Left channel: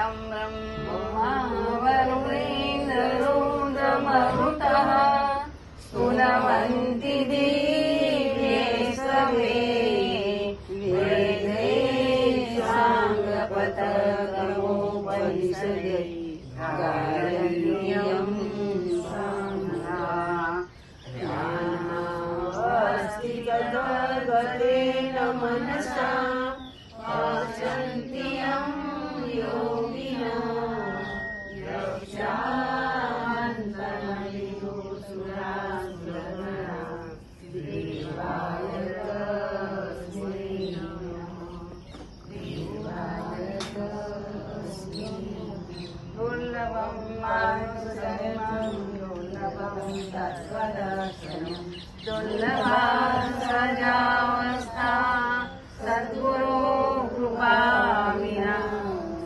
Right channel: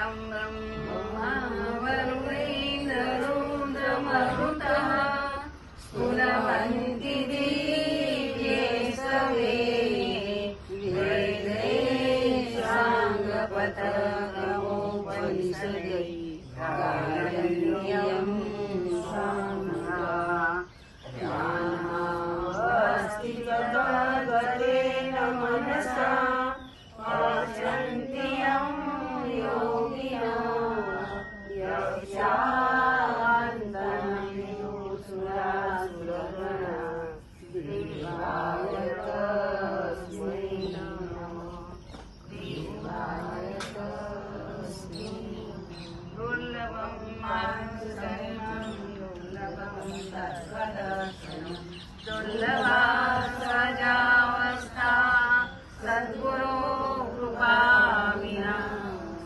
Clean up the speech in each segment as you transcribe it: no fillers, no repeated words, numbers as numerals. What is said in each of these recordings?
यं ब्रह्मा वरुणेन्द्ररुद्रमरुतः स्तुवन्ति दिव्ये सवे वेदैः साङ्गपतक्रमोपनिषदे गायन्त्यं सामगा ध्यानावस्थि तद्गतेन मनसा पश्यन्ति यं योगिनः यक्षान्तमयुसुरासुरगणा देवाय तस्मै नमः देवाय तस्मै दुर्लभं मानुषजन्मं दुर्लभं तत्त्वदर्शनं दुर्लभा सजावस्था सद्गुरो कृपा विना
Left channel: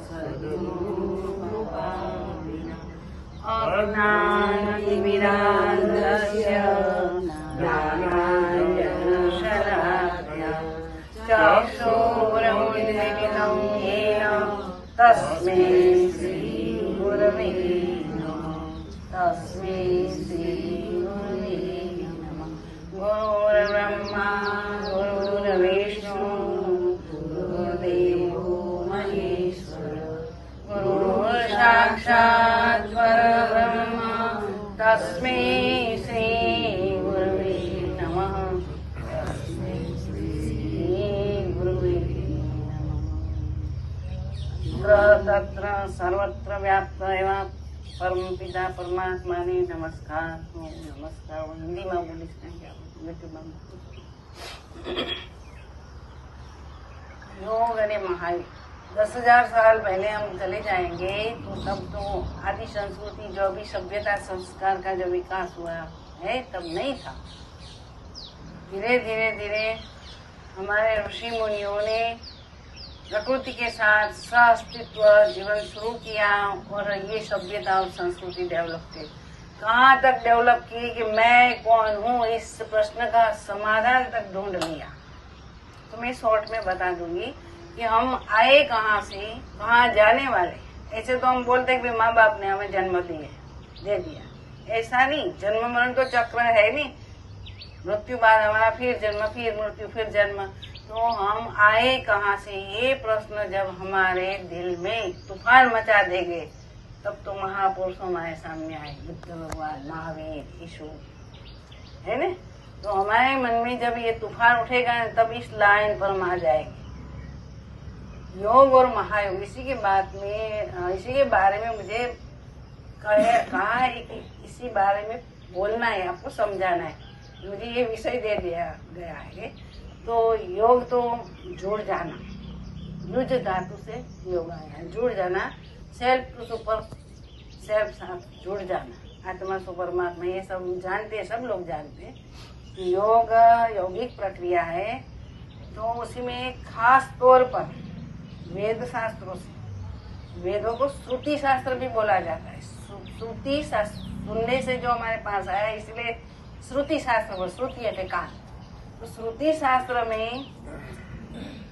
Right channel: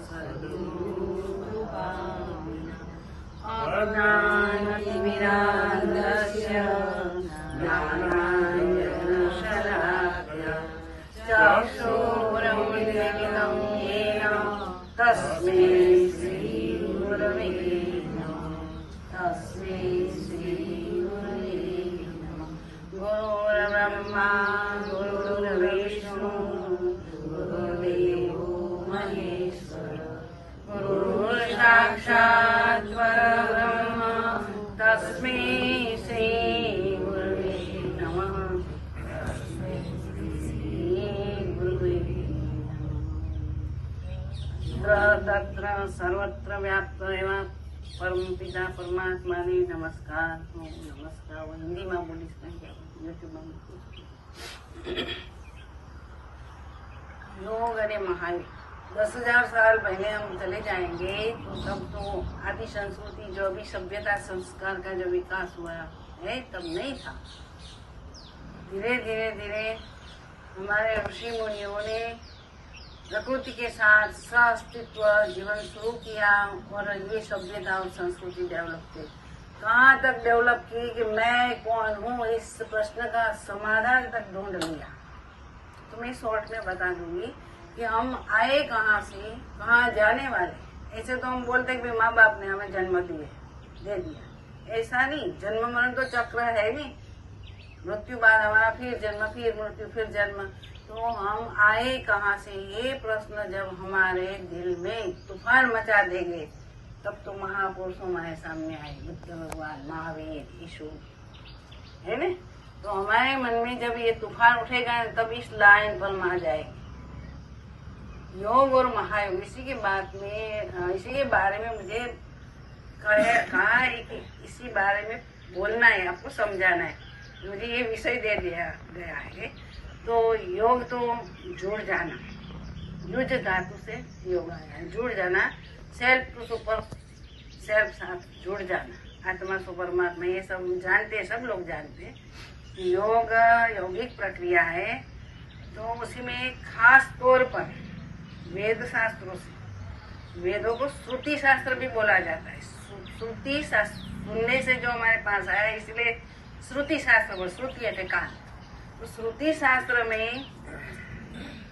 सद्गुरो कृपा विना अज्ञानतिमिरान्धस्य ज्ञानाञ्जनशलाकया चक्षुरुन्मीलितं येन तस्मै श्रीगुरवे नमः तस्मै श्रीगुरवे नमः गुरुर्ब्रह्मा गुरुर्विष्णु गुरुर्देवो महेश्वरः गुरुर्साक्षात् परब्रह्म तस्मै श्रीगुरवे नमः तस्मै श्रीगुरवे नमः तत्र सर्वत्र व्याप्त एवं परम पिता परमात्मा ने नमस्कार नमस्कार वो हिंदी में बोली यूट्यूब में योग अरे महायोग 10,000 साल पहले हम चले जाएंगे तो तब तो आदि संस्कृति जो भी सभ्यता संस्कार का जो विकास हुआ है तब नहीं था। धीरे धीरे धीरे हमारे ऋषि मुनियों ने प्रकृति के साथ सह-अस्तित्व जीवन शुरू किया और ये सभ्यता और संस्कृति डेवलप की। कहाँ तक डेवलप की कि मैं कौन हूँ इस प्रश्न का समाधान तक ढूंढ लिया। तो मैं शॉर्ट में बता दूंगी कि हम आए कहाँ से, कहाँ जाने वाले। ऐसे तो हम बोलते हैं कि माँ बाप ने हमें जन्म दे दिया, ऐसा नहीं। जन्म मरण तो चक्र है नहीं, मृत्यु बाद हमारा फिर जन्म, फिर मृत्यु, फिर जन्म। तो हम आए कहाँ से, ये प्रश्न जब हमारे दिल में तूफान मचा देंगे तब तो महापुरुष हमारे सामने आए, बुद्ध भगवान, महावीर, यीशु, है ना। तो हमारे मन में जब ये तूफान उठेगा तब इस लाइन पर हम आ जाएंगे। योग और महायोग, इसी के बारे में मुझे कहा है कि इसी बारे में बोलना है, आपको समझाना है। मुझे ये विषय दे दिया गया है। तो योग तो जुड़ जाना, युज धातु से योग आया, जुड़ जाना, सेल्फ टू सुपर सेल्फ साथ जुड़ जाना, आत्मा से परमात्मा, ये सब जानते हैं, सब लोग जानते हैं। योग यौगिक प्रक्रिया है। तो उसी में खास तौर पर वेद शास्त्रों से, वेदों को श्रुति शास्त्र भी बोला जाता है। श्रुति शास्त्र सुनने से जो हमारे पास आया, इसलिए श्रुति शास्त्र, श्रुति है कान। तो श्रुति शास्त्र में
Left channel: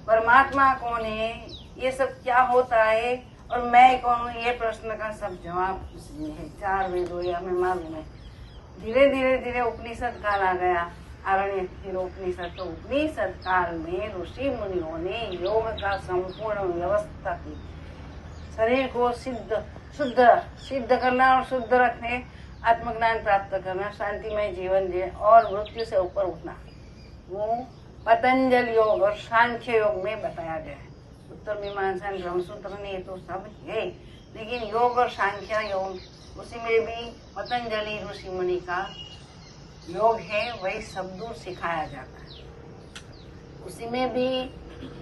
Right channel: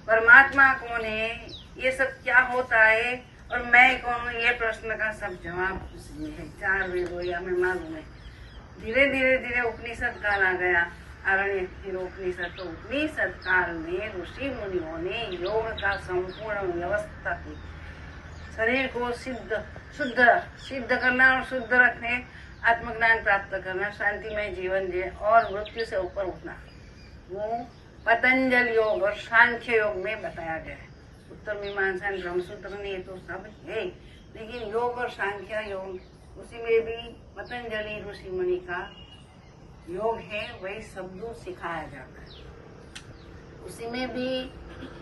परमात्मा कौन है, ये सब क्या होता है और मैं कौन हूँ, ये प्रश्न का सब जवाब उसमें है। 4 वेदों या हमें मालूम है। धीरे धीरे धीरे उपनिषद काल आ गया, आरण्य, फिर उपनिषद। तो उपनिषद काल में ऋषि मुनियों ने योग का संपूर्ण व्यवस्था की। शरीर को सिद्ध करना और शुद्ध रखने, आत्मज्ञान प्राप्त करना, शांतिमय जीवन जिए और मृत्यु से ऊपर उठना, वो पतंजल योग और सांख्य योग में बताया गया है। उत्तर मीमांसा ब्रह्मसूत्र में ये तो सब है, लेकिन योग और सांख्य योग, उसी में भी पतंजलि ऋषि मुनि का योग है, वही शब्दों सिखाया जाता है। उसी में भी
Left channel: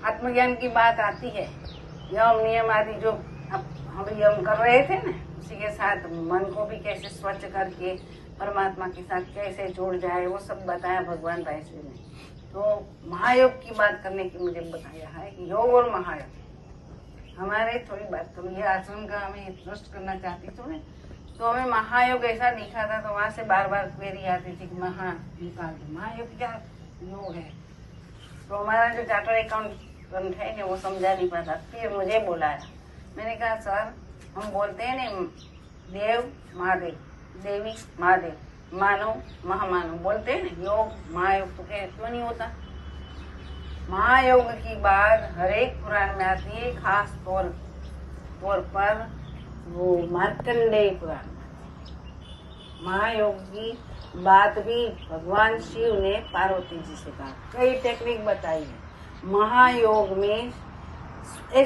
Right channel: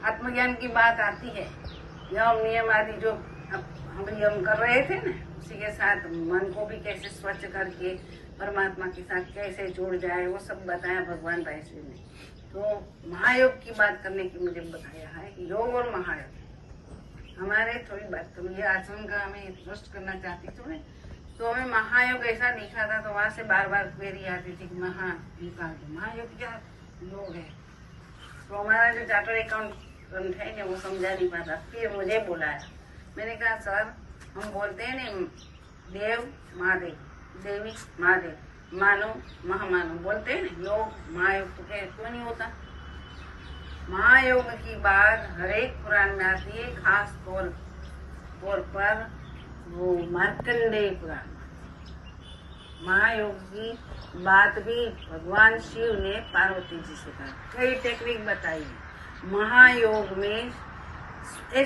आत्मज्ञान की बात आती है। यम नियम आदि जो हम कर रहे थे ना, उसी के साथ मन को भी कैसे स्वच्छ करके परमात्मा के साथ कैसे जुड़ जाए, वो सब बताया भगवान रायश्री ने। तो महायोग की बात करने की मुझे बताया है कि योग और महायोग हमारे थोड़ी बात करूँ। ये आचरण का हमें ट्रस्ट करना चाहती थी, तो हमें महायोग ऐसा दिखा था, तो वहाँ से बार बार क्वेरी आती थी कि महा निकाल दो, महायोग क्या योग है। तो हमारा जो चार्टर अकाउंटेंट है वो समझा नहीं पाता। फिर मुझे बुलाया, मैंने कहा सर हम बोलते हैं ना देव महादेव, देवी महादेव, मानो महामानो बोलते हैं ना, योग महायोग, तो क्यों नहीं होता? महायोग की बात हर एक पुराण में आती है, खास तौर पर वो मार्कंडेय पुराण। महायोग की बात भी भगवान शिव ने पार्वती जी से कहा, कई टेक्निक बताई है। महायोग में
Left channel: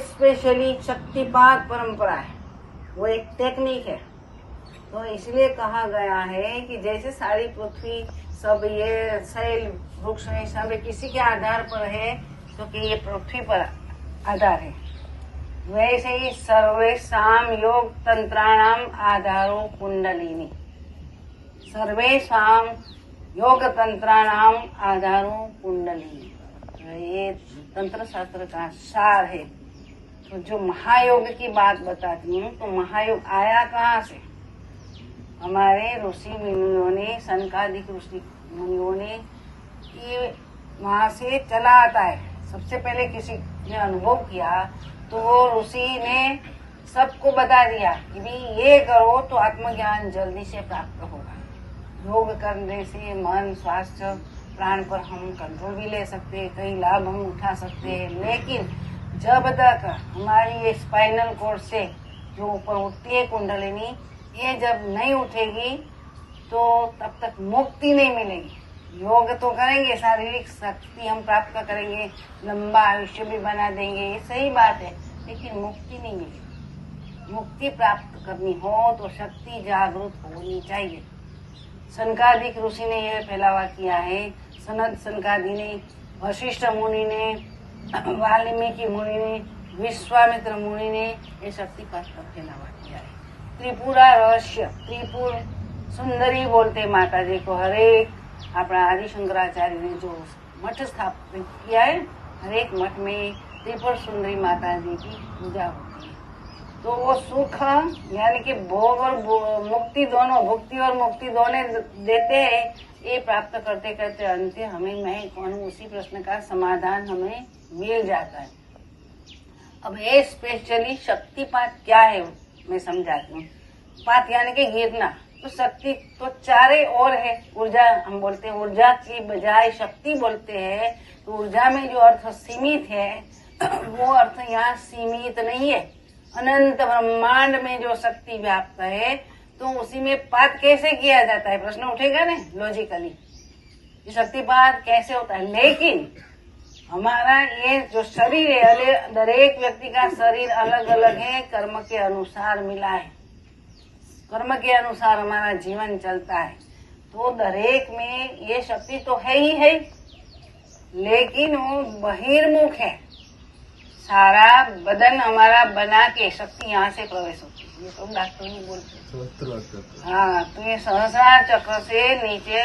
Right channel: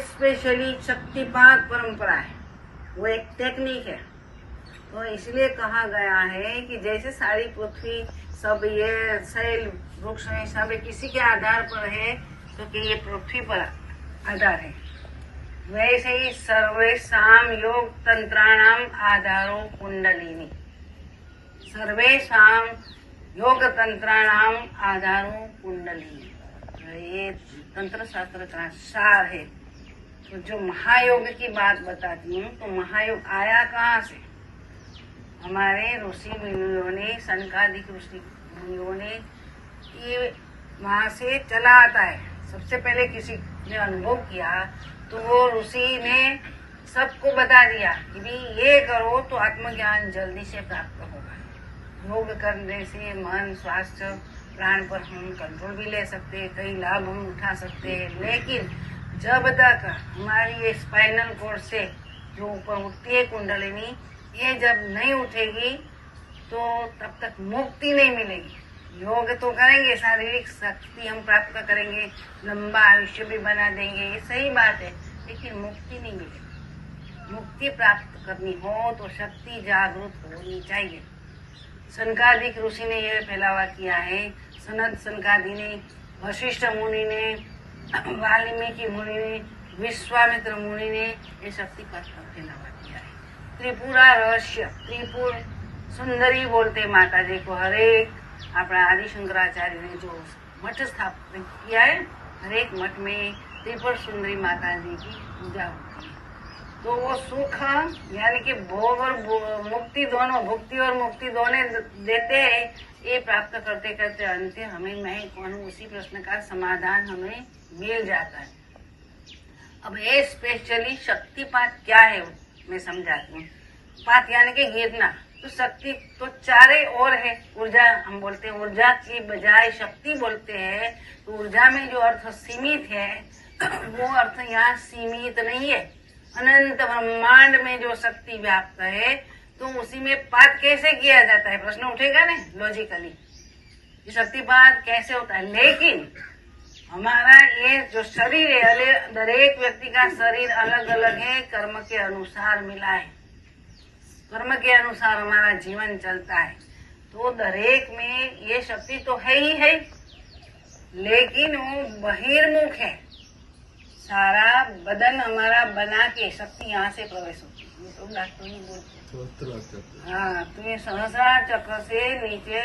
स्पेशली शक्तिपात परंपरा है, वो एक टेक्निक है। तो इसलिए कहा गया है कि जैसे सारी पृथ्वी सब ये शैल वृक्ष है, सब किसी के आधार पर है, तो कि ये पृथ्वी पर आधार है, वैसे ही सर्वेषाम योग तंत्राणाम आधारो कुंडलिनी, सर्वेषाम योग तंत्राणाम आधारो कुंडलिनी, ये तंत्र शास्त्र का सार है। तो जो महायोग की बात बताती हूँ, तो महायोग आया कहाँ से? हमारे ऋषि मुनियों ने, सनकादिक ऋषि मुनियों ने ये वहां से चला आता है। सबसे पहले किसी ने अनुभव किया तो वो ऋषि ने सबको बता दिया कि भी ये करो तो आत्मज्ञान जल्दी से प्राप्त होगा। योग करने से मन, स्वास्थ्य, प्राण पर हम कंट्रोल भी ले सकते हैं, कई लाभ हम उठा सकते हैं। लेकिन जब तक हमारी ये स्पाइनल कोर्ड से जो ऊपर उठती है कुंडलिनी, ये जब नहीं उठेगी तो तब तक मुक्ति नहीं मिलेगी। योग तो करेंगे, शारीरिक शक्ति हम प्राप्त करेंगे, लंबा आयुष्य भी बना देंगे, ये सही बात है, लेकिन मुक्ति नहीं मिलेगी। मुक्ति प्राप्त करनी हो तो शक्ति जागृत होनी चाहिए। सनकादिक ऋषि ने यह फैलावा किया है, सनद सनकादि ने, वशिष्ठ मुनि ने, वाल्मीकि मुनि ने, विश्वामित्र मुनि ने ये शक्तिपात पर फैलावा किया है। त्रिपुरा रहस्य, त्रिपुर सुंदरी बोलते माता जी को। हरेक अपना आदि शंकराचार्य ने जो मठ स्थापित किया है, हरेक मठ में त्रिपुर सुंदरी माता जी की पूजा होती है। तो वो सुख यानी कि भोग और मुक्ति दोनों, भुक्ति और मुक्ति दोनों देते हैं। ये प्राप्त करते करते अंत हमें मैं कौन हूँ, उसी प्रश्न का समाधान हमें मिल जाता है। अब ये स्पेशली शक्तिपात क्या है मैं समझाती हूँ। पात यानी कि गिरना, तो शक्ति तो चारे और है। ऊर्जा हम बोलते हैं, ऊर्जा की बजाय शक्ति बोलते हैं। तो ऊर्जा में जो अर्थ सीमित है वो अर्थ यहाँ सीमित नहीं है। अनंत ब्रह्मांड में जो शक्ति व्याप्त है, तो उसी में पात कैसे किया जाता है, प्रश्न उठेगा ना लॉजिकली, ये शक्तिपात कैसे होता है। लेकिन हमारा ये जो शरीर है, दरेक व्यक्ति का शरीर अलग अलग है, कर्म के अनुसार मिला है, कर्म के अनुसार हमारा जीवन चलता है। तो दरेक में ये शक्ति तो है ही है, लेकिन वो बहिर्मुख है। सारा बदन हमारा बना के शक्ति यहाँ से प्रवेश होती है, ये तो डॉक्टर भी बोलते हैं। हाँ, तो ये सहस्रार चक्र से नीचे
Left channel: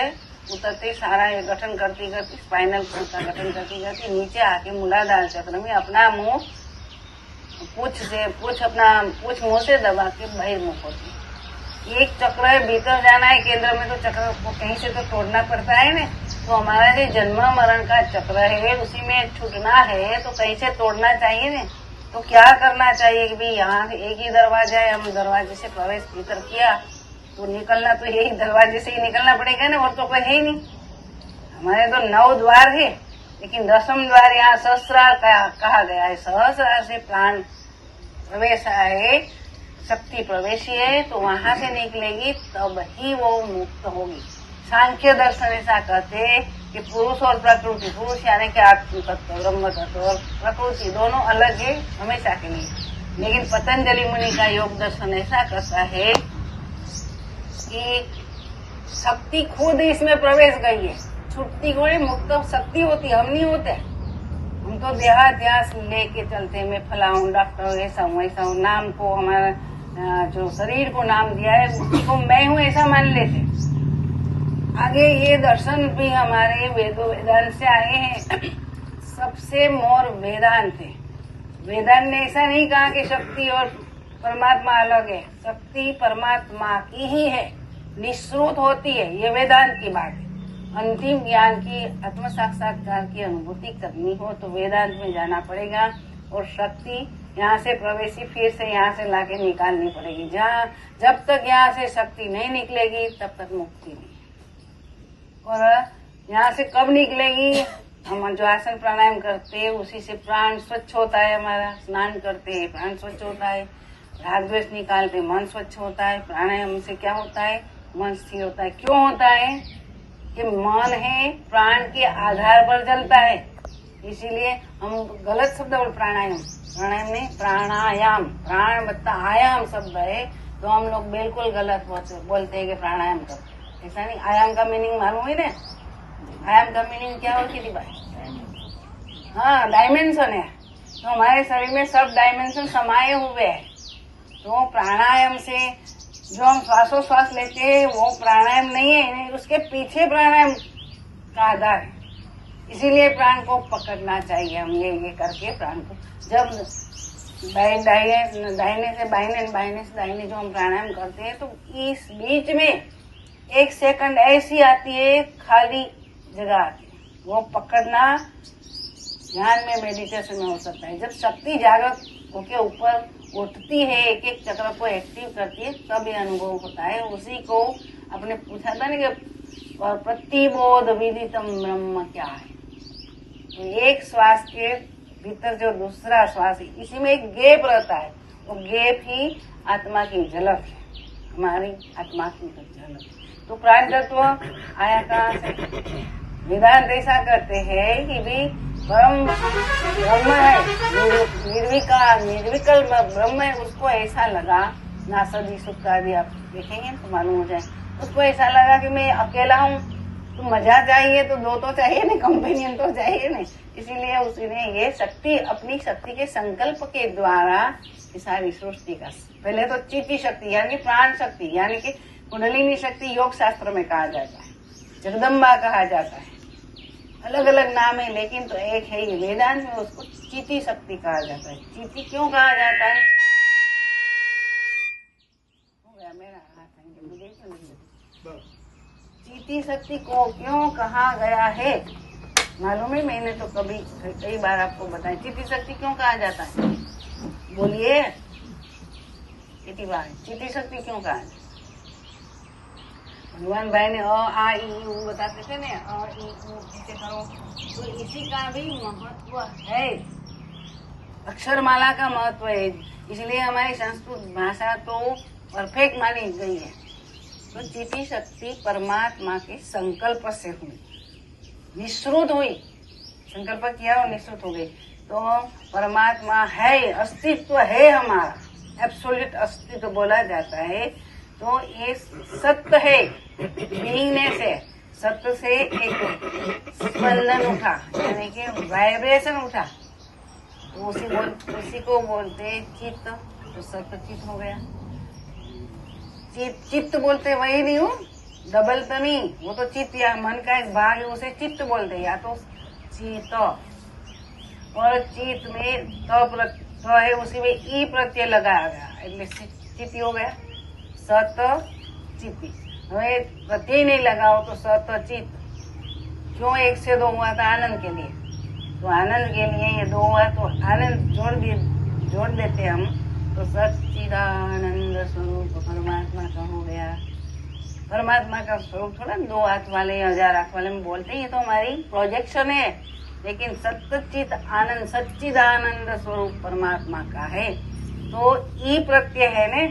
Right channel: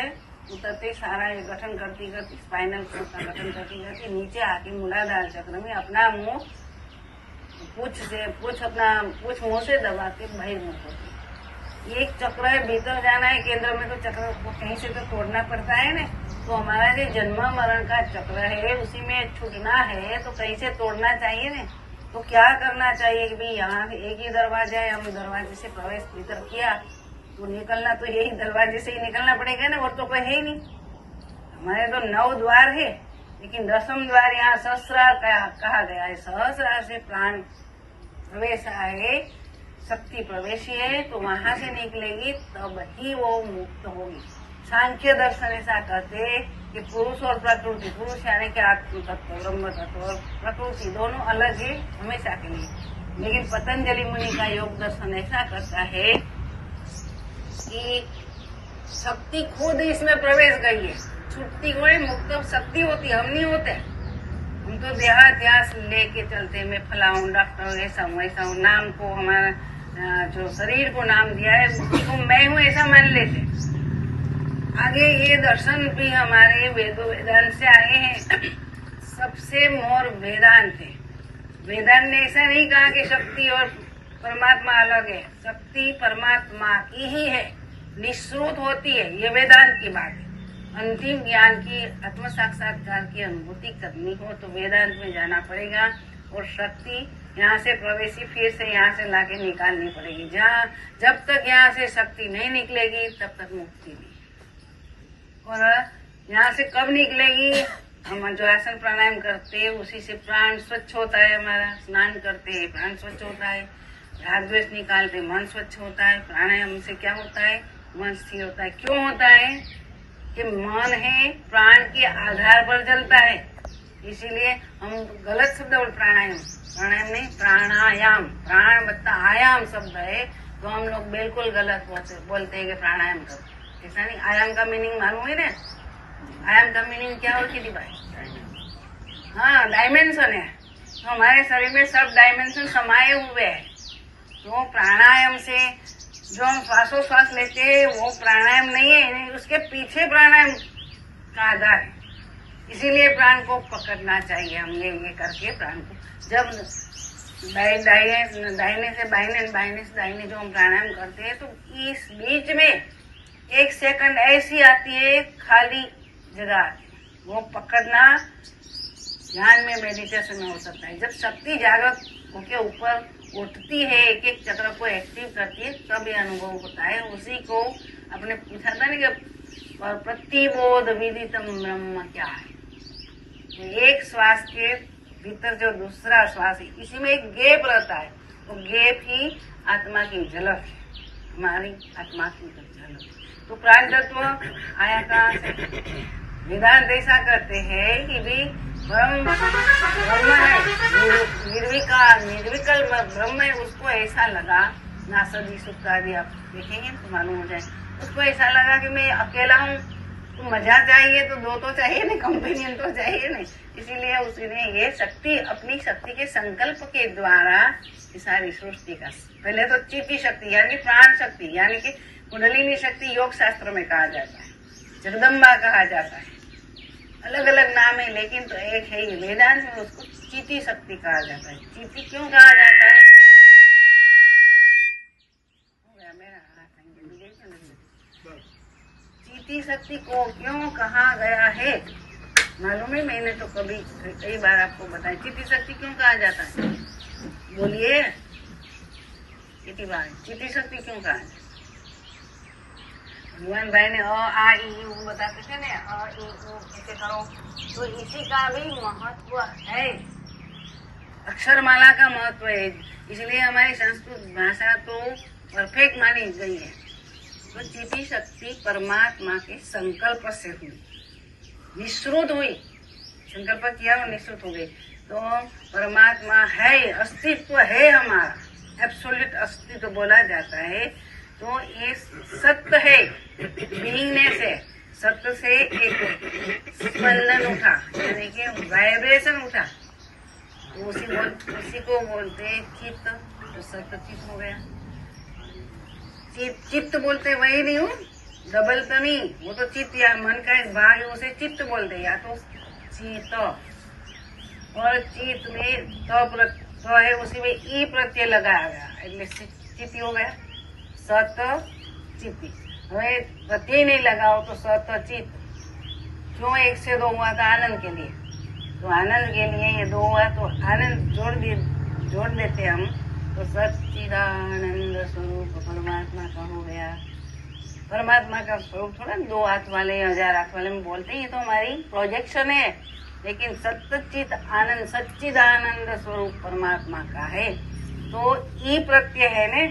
उतरते सारा ये गठन करती करती, स्पाइनल कोर्ड का गठन करती करती नीचे आके मूलाधार चक्र में अपना मुंह पूछ मुंह से दबा के बहिर्मुख होती है। एक चक्र है, भीतर जाना है केंद्र में, तो चक्र को कहीं से तो तोड़ना पड़ता है ना। तो हमारा जो जन्म मरण का चक्र है, उसी में छूटना है तो कहीं से तोड़ना चाहिए ना। तो क्या करना चाहिए कि भाई यहाँ एक ही दरवाजा है, हम दरवाजे से प्रवेश भीतर किया तो निकलना तो यही दरवाजे से ही निकलना पड़ेगा ना, और तो कोई है नहीं। हमारे तो 9 द्वार है, लेकिन 10वां द्वार यहाँ सहस्रार कहा गया है। सहस्रार से प्राण प्रवेश है, शक्ति प्रवेशी है, तो वहां से निकलेगी तब ही वो मुक्त होगी। सांख्य दर्शन ऐसा कहते हैं कि पुरुष और प्रकृति, पुरुष यानी कि आत्म तत्व, ब्रह्म तत्व, और प्रकृति दोनों अलग है हमेशा के लिए। लेकिन पतंजलि मुनि का योग दर्शन ऐसा करता है कि शक्ति खुद इसमें प्रवेश गई है, छुट्टी को मुक्त शक्ति होती, हम नहीं होते। हम तो देहाध्यास लेके चलते, मैं फला हूँ, डॉक्टर ऐसा हूँ ऐसा हूँ, नाम को हमारा जो शरीर को नाम दिया है उसी को मैं हूँ ऐसा मान लेते। आगे ये दर्शन भी हमारे वेदांत से आए हैं। सबसे मोर वेदांत है। वेदांत ने ऐसा नहीं कहा कि शक्ति और परमात्मा अलग है, शक्ति परमात्मा की ही है, निश्रुत होती है, ये वेदांत की बात है। अंतिम ज्ञान की, आत्म साक्षात्कार की अनुभूति करनी हो तो वेदांत में जाना पड़ेगा। और शक्ति यहाँ से प्रवेशी फिर से यहाँ से लाके निकालनी पड़ेगी। जब तक यहाँ से शक्ति नहीं निकलेगी तब तक मुक्ति नहीं। और यहाँ से कब निकलेगी? हम जो आसन प्राणायाम करते हैं उसी से प्राण स्वच्छ होता है। हमारा स्नान करते हैं प्राण स्वच्छ होता है, राग द्वेष निकालते मन स्वच्छ होता है। प्राणायाम से क्या होता है? मन स्थिर होता है। क्यों होता है? कि मन है प्राण के आधार पर चलता है। इसीलिए हम गलत शब्द बोल प्राणायाम नहीं, प्राणायाम। प्राण बता आयाम शब्द है तो हम लोग बिल्कुल गलत बोलते हैं कि प्राणायाम करते। ऐसा नहीं। आयाम का मीनिंग मालूम है ना? आयाम का मीनिंग क्या हो किसी भाई? हाँ, डायमेंशन है। तो हमारे शरीर में सब डायमेंशन समाये हुए हैं। तो प्राणायाम से जो हम श्वासोश्वास लेते हैं वो प्राणायाम नहीं है, उसके पीछे प्राणायाम का आधार है। इसीलिए प्राण को पकड़ना चाहिए। हम ये करके प्राण को जब दाहिने से दाहिने जो हम प्राणायाम करते हैं तो इस बीच में 1 सेकंड ऐसी आती है खाली जगह आती है, वो पकड़ना ध्यान में मेडिटेशन में हो सकता है। जब शक्ति जागृत होके ऊपर उठती है, एक चक्र को एक्टिव करती है, तब ये अनुभव होता है। उसी को आपने पूछा था ना कि प्रतिबोध विदितम ब्रह्म क्या है। एक श्वास के भीतर जो दूसरा श्वास है इसी में एक गैप रहता है, वो गैप ही आत्मा की झलक है, हमारी आत्मा की झलक। तो प्राण तत्व आया कहाँ से? वेदांत ऐसा करते हैं कि भी ब्रह्म है, निर्विकल ब्रह्म है। उसको ऐसा लगा, नासदी सुख आदि आप देखेंगे तो मालूम हो जाए। उसको ऐसा लगा कि मैं अकेला हूँ, तो मजा चाहिए तो दो तो चाहिए नहीं, कंपेनियन तो चाहिए नहीं। इसीलिए उसने ये शक्ति, अपनी शक्ति के संकल्प के द्वारा ये सारी सृष्टि का, पहले तो चित्ती शक्ति यानी प्राण शक्ति यानी कि कुंडलिनी शक्ति योग शास्त्र में कहा जाता है, जगदम्बा कहा जाता है, अलग अलग नाम है लेकिन तो एक है। ये वेदांत में उसको चित्ती शक्ति कहा जाता है। चित्ती क्यों कहा जाता है? हो गया मेरा हाथ, चित्ती शक्ति को क्यों कहा गया है मालूम है? मैंने तो कई बार आपको बताया। चित्ती शक्ति क्यों कहा जाता है? बोलिए कितनी बार चित्ती शक्ति क्यों कहा जाता है? भगवान भाई ने अ आ ई उ बताते थे ना, अ ई उ ऐसे करो, तो इसी का भी महत्व है। अक्षरमाला का महत्व है। इसलिए हमारी संस्कृत भाषा तो परफेक्ट मानी गई है। तो चित्ती शक्ति परमात्मा के संकल्प से हुई, निश्रुत हुई। संकल्प किया और निश्रुत हो गई। तो परमात्मा है, अस्तित्व है हमारा, एब्सोल्यूट अस्तित्व बोला जाता है। तो ये सत्य है, बीइंगनेस है। सत्य से एक स्पंदन उठा यानी कि वाइब्रेशन उठा, तो उसी को बोलते चित्त। तो सत्य चित्त हो गया। चित्त बोलते वही नहीं हूँ, डबल तो नहीं, वो तो चित्त या मन का एक भाग है, उसे चित्त बोलते, या तो चित्त। और चित्त में तो है, उसी में ई प्रत्यय लगाया गया, चित्त हो गया। सत चित्ती। हमें प्रत्यय नहीं लगाओ तो सत चित्त। क्यों 1 से 2 हुआ था? आनंद के लिए। तो आनंद के लिए ये 2 हुआ तो आनंद जोड़ देते हम, तो सच्चिदानंद स्वरूप परमात्मा का हो गया। परमात्मा का स्वरूप थोड़ा 2 हाथ वाले 1000 हाथ वाले में बोलते हैं, ये तो हमारी प्रोजेक्शन है। लेकिन सच्चित आनंद, सच्चिदानंद स्वरूप परमात्मा का है। तो ई प्रत्यय है ने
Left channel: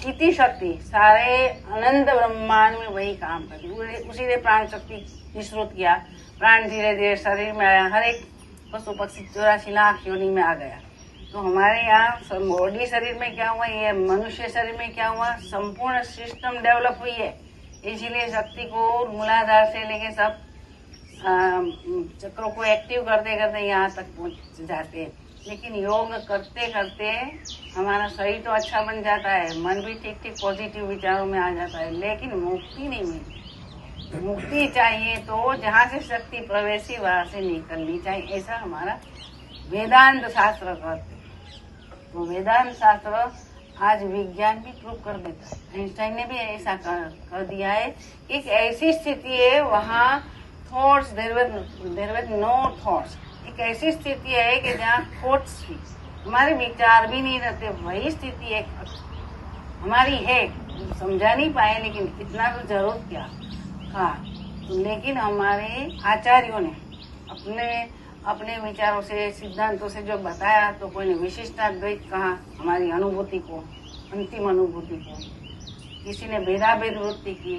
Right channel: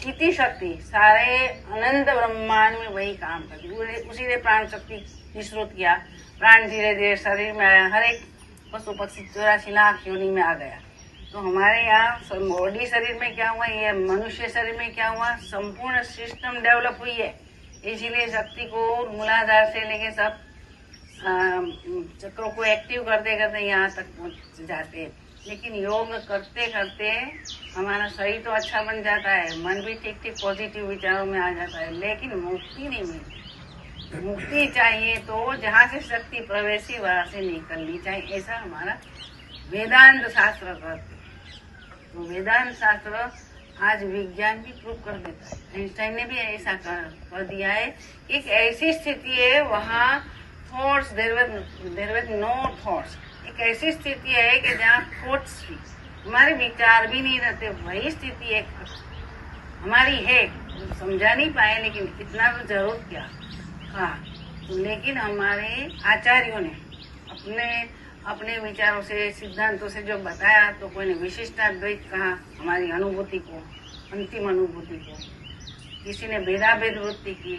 चित्ती शक्ति, सारे अनंत ब्रह्मांड में वही काम करती। उसी ने प्राण शक्ति निश्रुत किया, प्राण धीरे धीरे शरीर में आया। हर एक पशु पक्षी 84 लाख योनि में आ गया। तो हमारे यहाँ बॉडी शरीर में क्या हुआ, ये मनुष्य शरीर में क्या हुआ, संपूर्ण सिस्टम डेवलप हुई है। इसीलिए शक्ति को मूलाधार से लेके सब चक्रों को एक्टिव करते करते यहाँ तक पहुँच जाते हैं। लेकिन योग करते करते हमारा शरीर तो अच्छा बन जाता है, मन भी ठीक ठीक पॉजिटिव विचारों में आ जाता है, लेकिन मुक्ति नहीं मिलती। मुक्ति चाहिए तो जहाँ से शक्ति प्रवेशी वहां से निकलनी चाहिए, ऐसा हमारा वेदांत शास्त्र कहते हैं। तो वेदांत शास्त्र आज विज्ञान भी प्रूव कर देता है। आइंस्टाइन ने भी ऐसा कर दिया है। एक ऐसी स्थिति है वहाँ thoughts, there were no thoughts. एक ऐसी स्थिति है कि जहाँ थॉट्स भी हमारे विचार भी नहीं रहते, वही स्थिति एक हमारी है, समझा नहीं पाए, लेकिन इतना तो जरूर किया हाँ। तो लेकिन हमारे आचार्यों ने अपने अपने विचारों से, सिद्धांतों से जो बताया, तो कोई ने विशिष्टाद्वैत कहा हमारी अनुभूति को, अंतिम अनुभूति को, किसी ने भेदाभेद वृत्ति की,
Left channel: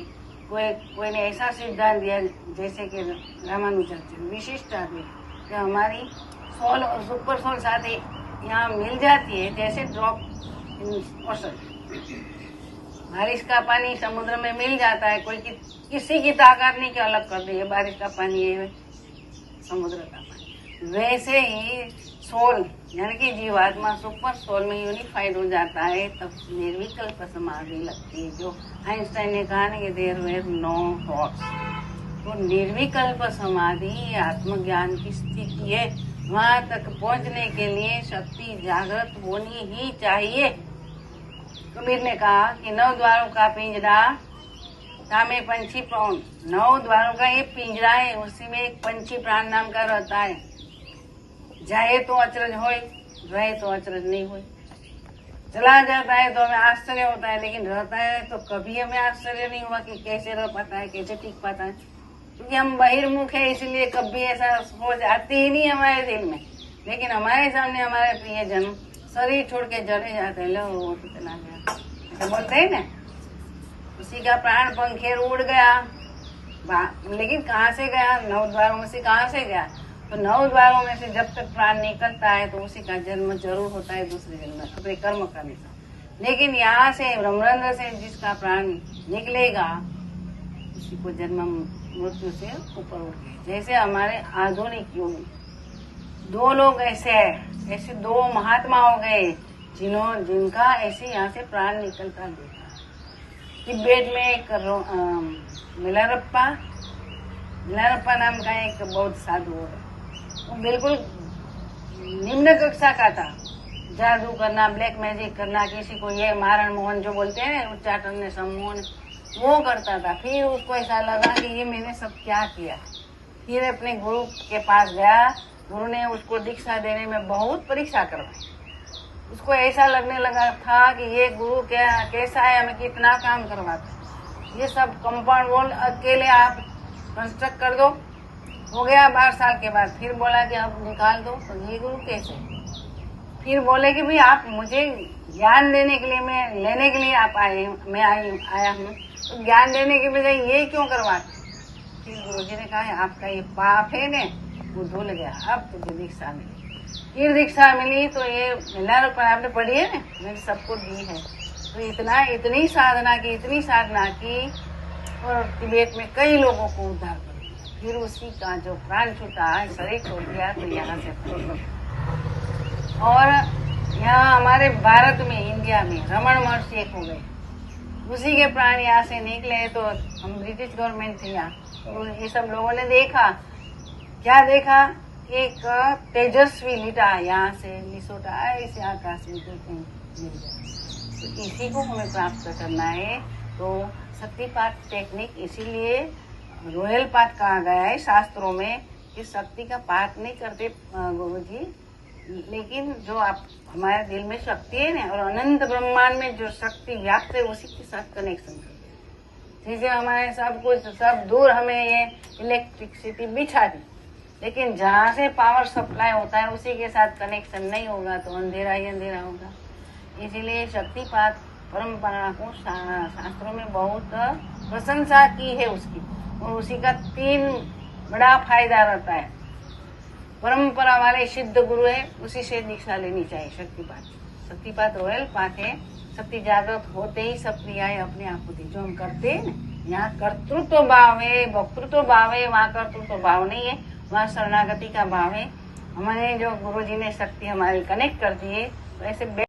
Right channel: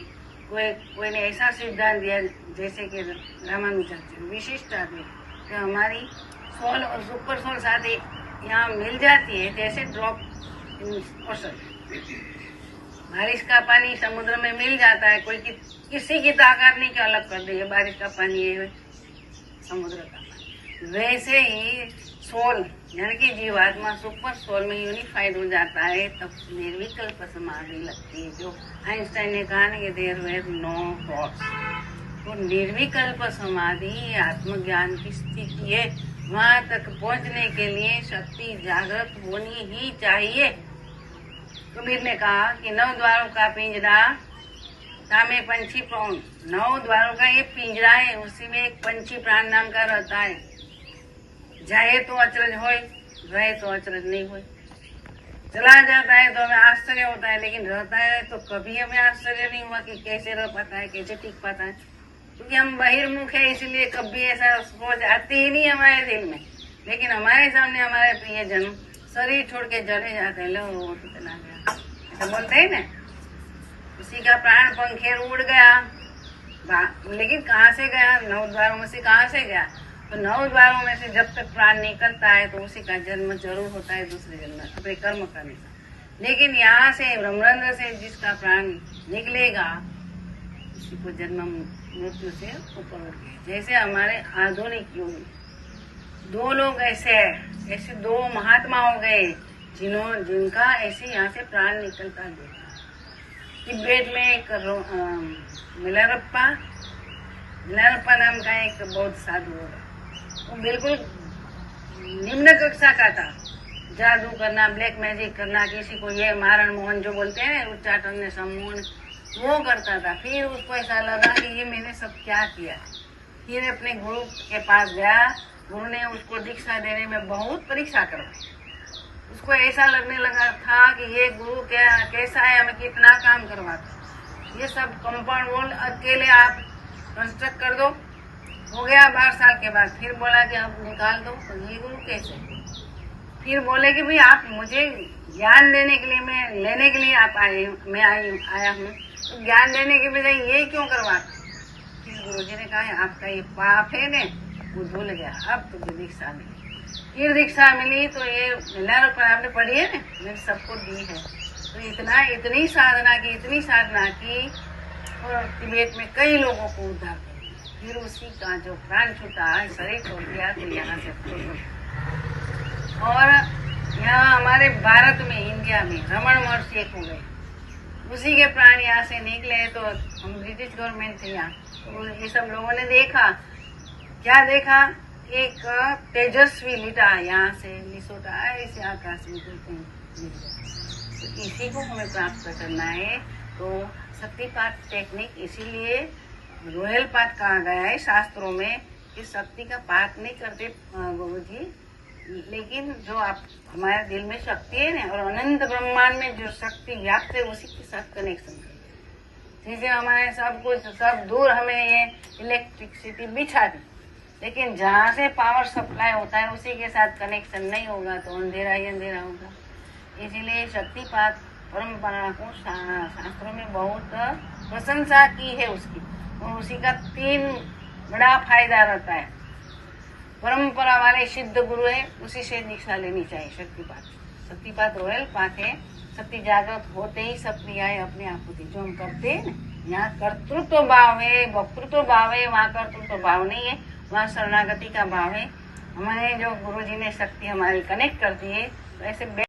कोई ने ऐसा सिद्धांत दिया जैसे कि रामानुजाचार्य विशिष्टाद्वैत, कि हमारी सोल और सुपर सोल साथ यहाँ मिल जाती है, जैसे ड्रॉप इन ओशन, बारिश का पानी समुद्र में मिल जाता है, कोई किसी की ताकत नहीं कि अलग कर दे, बारिश का पानी है समुद्र का पानी। वैसे ही सोल यानी कि जीवात्मा सुपर सोल में यूनिफाइड हो जाता है, तब निर्विकल्प समाधि लगती है, जो आइंस्टाइन ने कहा ना कि देयर वेर नो थॉट्स। तो निर्विकल्प समाधि आत्मज्ञान की स्थिति है। वहां तक पहुंचने के लिए शक्ति जागृत होनी ही चाहिए। कबीर ने कहा कि 9 द्वारों का पिंजरा तामे पंछी प्राण, 9 द्वारों का ये पिंजरा है, उसी में एक पंछी प्राण नाम का रहता है। जाए तो अचरज होए, रहे तो अचरज नहीं होए। चला जाता है तो हमें आश्चर्य होता है, लेकिन रहता है तो कभी हमें आश्चर्य नहीं हुआ कि कैसे रह पाता है, कैसे टिक पाता है, क्योंकि हम बहिर्मुख है, इसलिए कभी ऐसा सोच आती ही नहीं हमारे दिल में। लेकिन हमारे सामने हमारे प्रियजन शरीर छोड़ के चले जाते हैं, लो वो तो चला गया, ऐसा बोलते हैं ना, उसी का प्राण पंखेर उड़ गया, लेकिन कहाँ से गया? 9 द्वारों में से कहाँ से गया? तो 9 द्वारों में से जब तक प्राण निकलता है तो उसी का जन्म जरूर होता है दूसरे जन्म में, अपने कर्म करने का। लेकिन यहाँ से ब्रह्मरंध्र से जिसका प्राण निकलेगा, उसी को जन्म मृत्यु से ऊपर उठ गए। जैसे हमारे आधुनिक युग में 2 लोग ऐसे 2 महात्मा हो गए जिनका ऐसे यहाँ से प्राण निकलता देखा। तिब्बत में एक मिलारप्पा नाम का एक बौद्ध साधु है, वो बिल्कुल निम्न कक्षा का था। जादू करना, ब्लैक मैजिक करना, किसी को ये मारण मोहन जो बोलते हैं, उच्चाटन सम्मोहन, वो करता था। फिर उसको ऐसा लगा कि ये मैंने सब क्या किया। फिर अपने गुरु के पास गया, गुरु ने उसको दीक्षा देने में बहुत परीक्षा करवाई। उसको ऐसा लगने लगा था कि ये गुरु कैसा है, हमें कितना काम करवाता, ये सब कंपाउंड वॉल अकेले आप कंस्ट्रक्ट कर दो। हो गया 12 साल के बाद, फिर बोला कि अब निकाल दो, तो ये गुरु कैसे? फिर बोले कि भाई आप मुझे ज्ञान देने के लिए, मैं लेने के लिए आप मैं आया हूँ, तो ज्ञान देने के बजाय ये क्यों करवाते? फिर गुरुजी ने कहा आपका ये पाप है ने, वो धुल गया, अब तुझे दीक्षा मिली। फिर दीक्षा मिली तो ये मिलार पर आपने पढ़ी है ना, मैंने सबको दी है। तो इतनी साधना की और तिब्बत में कई लोगों को उद्धार कर दिया। फिर उसी का जो प्राण छूटा, शरीर छोड़ दिया, तो यहाँ से और यहाँ हमारे भारत में, इंडिया में रमन महर्षि एक हो गए, उसी के प्राण यहाँ से निकले। तो हम ब्रिटिश गवर्नमेंट थे यहाँ, तो ये सब लोगों ने देखा, क्या देखा? एक तेजस्वी लिटा यहाँ से लिसोटा ऐसे आकाश में गिर गया। तो इसी को हमें प्राप्त करना है। तो शक्तिपात टेक्निक इसीलिए रॉयल पाठ कहा गया है शास्त्रों में, कि शक्ति का पाठ नहीं करते गुरुजी, लेकिन जो आप हमारे दिल में शक्ति है ना, और अनंत ब्रह्मांड में जो शक्ति व्याप्त है, उसी के साथ कनेक्शन करते। जैसे हमारे सब कुछ सब दूर हमें ये इलेक्ट्रिसिटी बिछा दी, लेकिन जहाँ से पावर सप्लाई होता है उसी के साथ कनेक्शन नहीं होगा तो अंधेरा ही अंधेरा होगा। इसीलिए शक्तिपात परंपरा को शास्त्रों में बहुत प्रशंसा की है उसकी, और उसी का 3 बड़ा फायदा रहता है। परंपरा वाले सिद्ध गुरु है, उसी से दीक्षा लेनी चाहिए। शक्तिपात रॉयल पाठ है। शक्ति जागृत होते ही सब क्रियाएं अपने आप होती, जो हम करते हैं ना, यहाँ कर्तृत्व भाव है, वक्तृत्व भाव है, वहाँ कर्तृत्व भाव नहीं है, वहाँ शरणागति का भाव है। हमारे जो गुरुजी ने शक्ति हमारी कनेक्ट कर दी है, तो ऐसे